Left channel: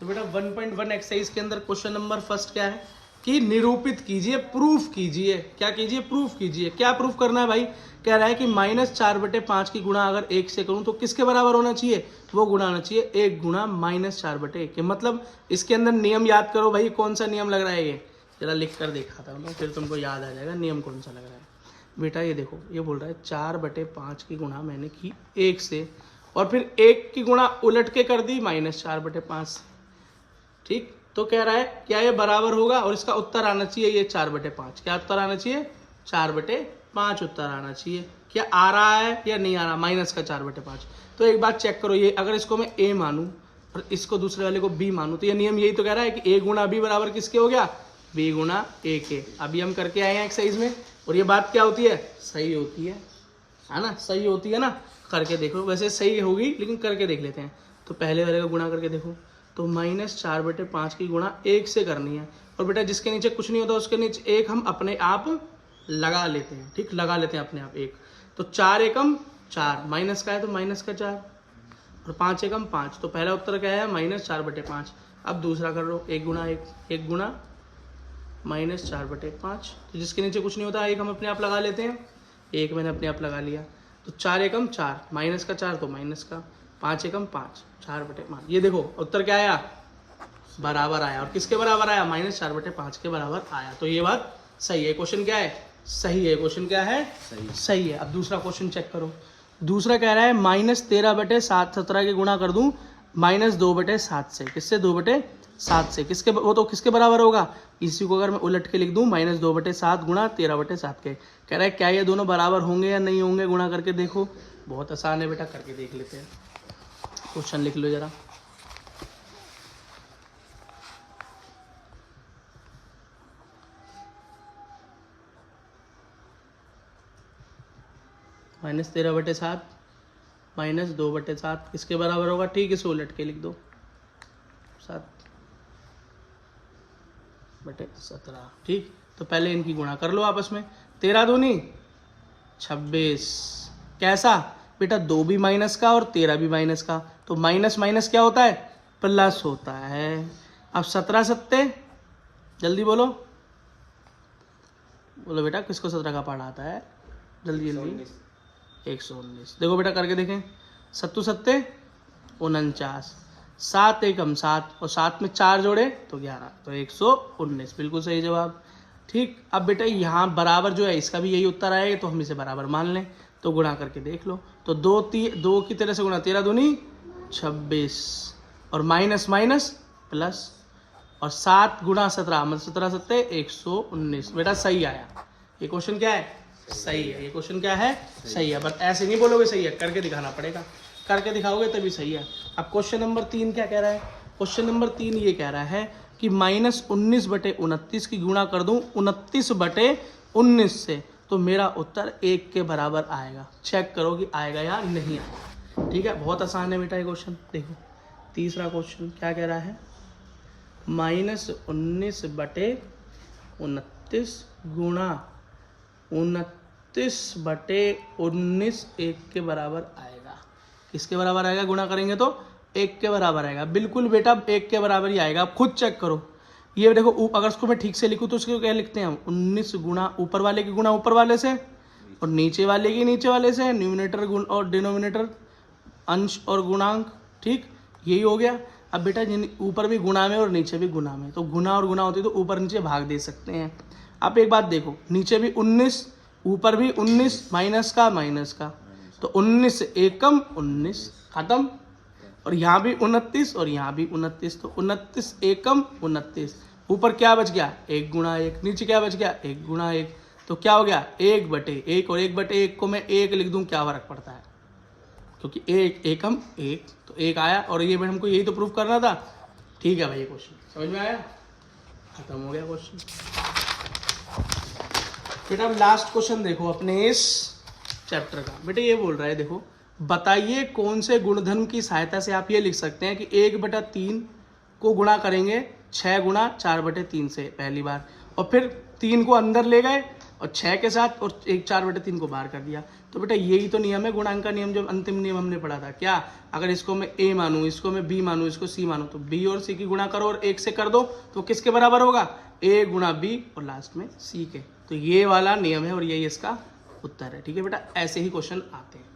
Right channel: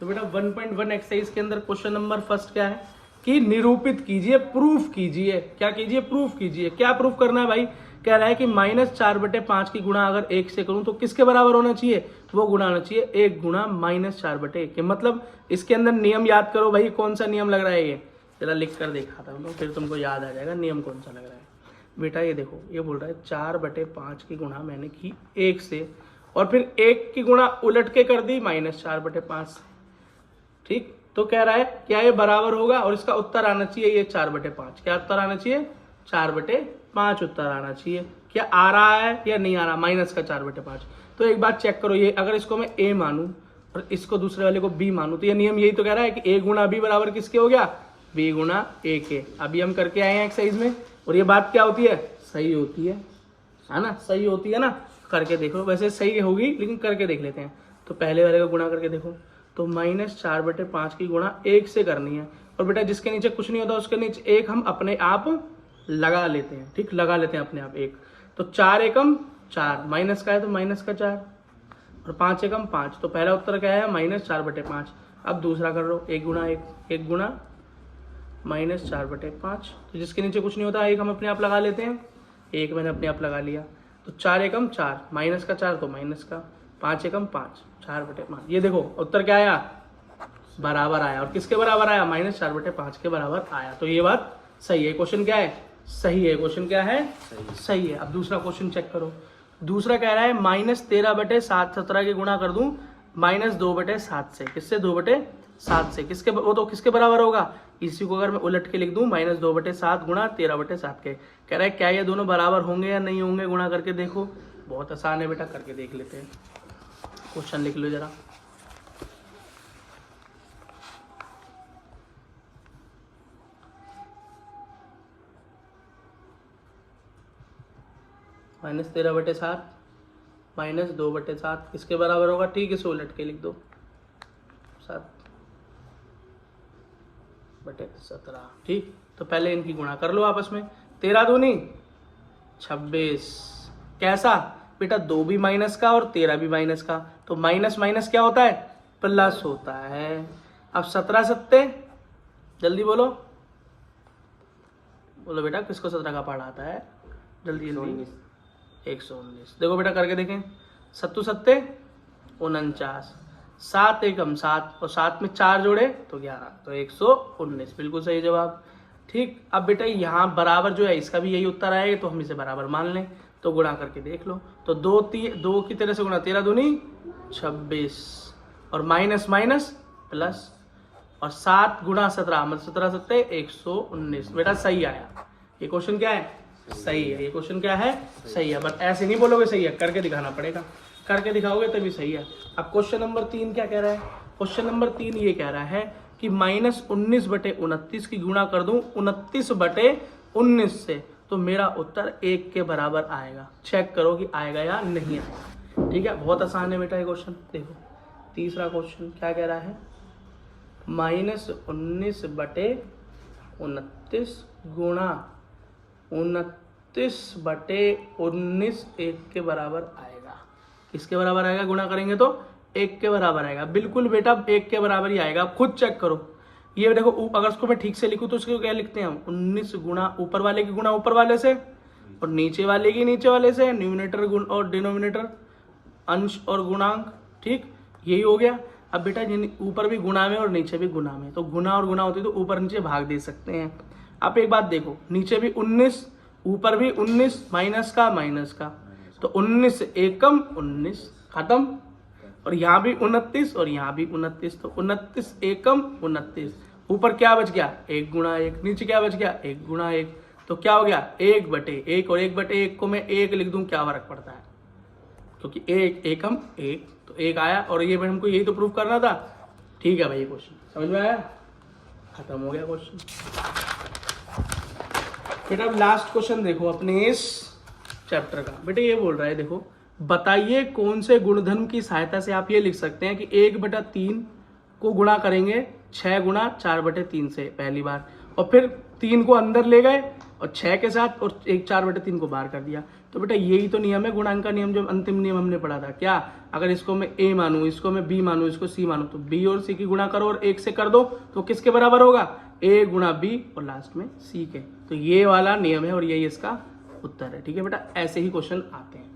तो बेटा 1.1 एक्सरसाइज के अंदर क्वेश्चन नंबर फर्स्ट क्या है कि निरूपित कीजिए, प्रूफ कीजिए। क्या कीजिए? प्रूफ कीजिए। क्या प्रूफ करना है भाई? कह रहा है कि -4/5 की गुणा अगर 1 से करूं तो किसके बराबर होना चाहिए? वो गुणा होना चाहिए 1 गुणा -4/1 के। मतलब इसके अंदर नियम याद करो भाई, कौन सा नियम लग रहा है ये? जरा लिख कर दिखाता हूँ, फिर तुमको याद आ जाएगा नियम कौन सा लग रहा है। बेटा ये देखो, ये बोल रहा है 4/5 की गुणा मैंने की 1 से, और फिर 1 की गुणा उलट के कर दी -4/5। ठीक, तो कह रहा है क्या ये बराबर होगा, और इसका उत्तर आना चाहिए ये 4/5। क्या उत्तर आना चाहिए? 4/5 उत्तर आना चाहिए। क्या आ रहा है या नहीं आ रहा? माइनस का 4/5। तो एक बात चेक करो, ये अगर इसको मैं a मानूं और इसको दूसरे वाले को b मानूं, तो ये नियम यही तो कह रहा है कि a गुणा b बराबर किसके हो गया? b गुणा a के। अभी हम करके आए हैं एक्सरसाइज में, और ये बात क्या होती है? सही होती है ना? सही होती है ना? करके देखो, वैसे सही होगी लेकिन करके देख लेते हैं। तो पहले वाले का गुणा करके देखो, तो -4/5 की गुणा 1 से करनी है, और बेटा जिसके नीचे कुछ नहीं होता उसके नीचे 1 हम अपने आप लगा लेते हैं। ठीक, लगा लेते हैं अपने आप 1। तो 4 एकम 4, माइनस का है तो माइनस का 4, और 5 एकम 5। तो पहला उत्तर क्या है? -4/5। अब दूसरा कर लो, 1 गुणा 1 गुणा -4/5। तो जिसके नीचे कुछ नहीं होता 1 हम अपने आप लगा लेते हैं, 1 मैंने अपने आप लगा लिया। तो 4 एकम 4, माइनस का 4 तो माइनस का, 5 एकम 5, 4/5। ये देखो उत्तर क्या आया? बराबर आया। और किसके बराबर आया? -4/5 के बराबर आया। तो ये बात सही है। क्वेश्चन क्या है? सही है। क्वेश्चन क्या है? सही है। अब दूसरा क्वेश्चन चेक करो। दूसरा कह रहा है -13/7 17 की गुणा कर दूं -2/7 से। किससे? 2/7 से। किसके? वो तो किसके बराबर होगा? इसी को अगर मैं उलट के लिख दूं -2/7 गुणा 13/7 के। कह रहा है क्या ये दोनों बराबर होंगे या नहीं होंगे? गुणा करके देखो। बहुत आसान है बेटा, करके देख लेते हैं। क्वेश्चन लिख लो जरा। -13/7 -2/7 किसके बराबर होगा? ठीक, इसे उलट के लिख दो, 7/17। ठीक, तो पहले इनकी गुणा कर लो आपस में। 13 दूनी 26। कैसा बेटा? 2 भी माइनस का और 13 भी माइनस का, तो माइनस माइनस क्या होता है? प्लस होता है। अब 17 सत्ते, जल्दी बोलो बोलो बेटा, किसको 17 का पढ़ा आता है? जल्दी जल्दी। 119। देखो बेटा करके देखें, 7 सत्ते 49, 7 एकम 7, और 7 में 4 जोड़े तो 11, तो 119। बिल्कुल सही जवाब। ठीक, अब बेटा यहाँ बराबर जो है इसका भी यही उत्तर आएगा, तो हम इसे बराबर मान लें। तो गुणा करके देख लो, तो 2 की तरह से गुणा, 13 दूनी 26, और माइनस माइनस प्लस, और 7 गुणा 17 मतलब 17 सत्ते 119। बेटा सही आया। ये क्वेश्चन क्या है? सही है। ये क्वेश्चन क्या है? सही है। बस ऐसे नहीं बोलोगे सही है, करके दिखाना पड़ेगा। करके दिखाओगे तभी सही है। अब क्वेश्चन नंबर 3 क्या कह रहा है? क्वेश्चन नंबर 3 ये कह रहा है कि -19/29 की गुणा कर दूं 29/19 से, तो मेरा उत्तर 1 के बराबर आएगा। चेक करो कि आएगा या नहीं आएगा। ठीक है, बहुत आसान है बेटा ये क्वेश्चन। देखो तीसरा क्वेश्चन क्या कह रहा है? -19/29 गुणा 29/19 1 के बराबर आएगा। किसके बराबर आएगा? गुणा करेंगे तो 1 के बराबर आएगा। बिल्कुल बेटा 1 के बराबर ही आएगा। आप खुद चेक करो। ये देखो, अगर इसको मैं ठीक से लिखूं तो इसको क्या लिखते हैं हम? 19 गुणा ऊपर वाले की गुणा ऊपर वाले से, और नीचे वाले की नीचे वाले से। न्यूमिनेटर गुण और डिनोमिनेटर, अंश और गुणांक। ठीक, यही हो गया। अब बेटा ऊपर भी गुणा में और नीचे भी गुणा में, तो गुणा और गुणा होती है तो ऊपर नीचे भाग दे सकते हैं। आप एक बात देखो, नीचे भी 19, ऊपर भी 19, माइनस का माइनस का, तो 19 एकम 19, खत्म। और यहाँ भी 29 और यहाँ भी 29, तो 29 एकम 29। ऊपर क्या बच गया? 1 गुणा 1। नीचे क्या बच गया? 1 गुणा 1। तो क्या हो गया? 1/1, और 1/1 को मैं 1 लिख दूं, क्या फर्क पड़ता है? क्योंकि 1 एकम 1, तो 1 आया। और ये हमको यही तो प्रूफ करना था। ठीक है भाई, क्वेश्चन समझ में आया? खत्म हो गया क्वेश्चन। बेटा अब लास्ट क्वेश्चन देखो अपने इस चैप्टर का। बेटा ये बोल रहा है, देखो बताइए कौन से गुणधर्म की सहायता से आप ये लिख सकते हैं कि 1/3 को गुणा करेंगे 6 गुणा 4/3 से पहली बार, और फिर 3 को अंदर ले गए और 6 के साथ, और 4/3 को बाहर कर दिया। तो बेटा यही तो नियम है गुणांक का नियम, जो अंतिम नियम हमने पढ़ा था। क्या, अगर इसको मैं a मानूं, इसको मैं b मानूं, इसको c मानूं, तो b और c की गुणा करो और 1 से कर दो, तो किसके बराबर होगा, a गुणा b और लास्ट में c के। तो ये वाला नियम है और यही इसका उत्तर है। ठीक है बेटा, ऐसे ही क्वेश्चन आते हैं।